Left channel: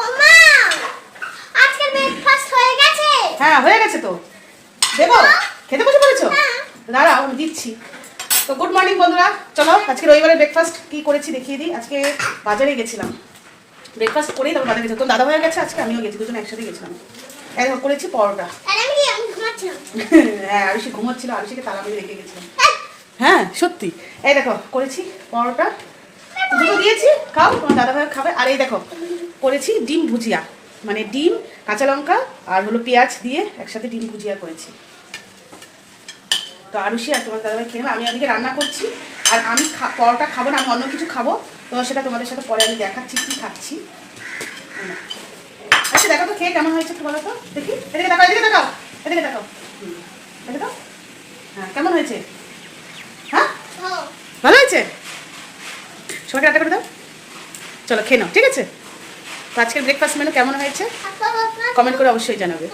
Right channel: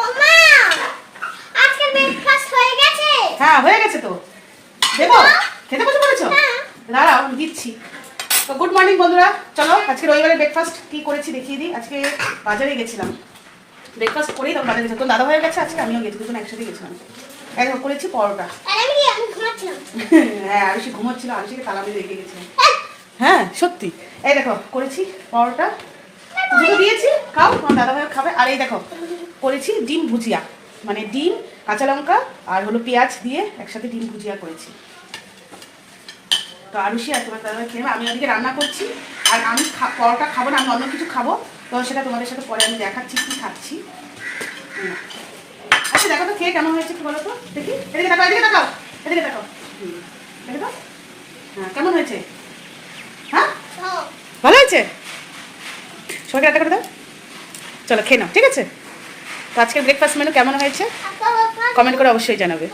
ওমা আজকের ব্রেকফাস্ট হয়ে গেছে। হ্যাঁ হয়ে গেছে তো। দেবো? খেতে বসে পড়েছো? দাঁড়াও আমি দিচ্ছি। তো গুড মর্নিং বন্ধুরা, চলো আজকে রবিবারের ব্রেকফাস্ট কি করেছি দেখিয়ে দিই। আজকে বাজারে গেছিলাম, ব্রেকফাস্ট করেই তারপর বাজারে গেছিলাম। তো দাদা হয়ে গেছে, আজকে আমিও গেছি, দুজন একসাথে গেছিলাম। এখন করেছি পরোটা। আর আমি ঘুমাচ্ছিলাম। হ্যাঁ আরুষি ঘুমাচ্ছিল, আরুষিকে তালা মেরে রেখে গেছিলাম। হ্যাঁ সত্যি। এই দেখো করেছি পরোটা, দুটো দিয়েছি, খাও, তোমার দাদা ভাই খাবে। আর এই দেখো করেছি ডিম ভুজিয়া, মানে ডিম, কাঁচা লঙ্কা আর হলো পেঁয়াজ দিয়ে একসাথে ডিম ভুজিয়া করেছি। তো আরুষি আর তোমার দাদা ভাই খেয়ে, আমি আজকে রান্না করছি। আর আমি পরোটা খাবো না, আমি অন্য কিছু খাবো। তো সেটা তোমাদের সাথে পরে আমি দেখাচ্ছি কি খাচ্ছি। আচ্ছা দেখো তো খেয়ে কেমন হয়েছে একটু বলো তো দেখি। এদিকে তাকাও, এদিকে তাকাও, এদিকে তাকাও। এদিকে তাকাও। হ্যাঁ কেমন হয়েছে? হ্যাঁ ভালো হয়েছে। সবাইকে রান্না করে দাও। চলো খেয়ে নাও, ঠিক আছে? তো আজকের ব্রেকফাস্ট মেনু কেমন হয়েছে কমেন্ট করে অবশ্যই জানাবে।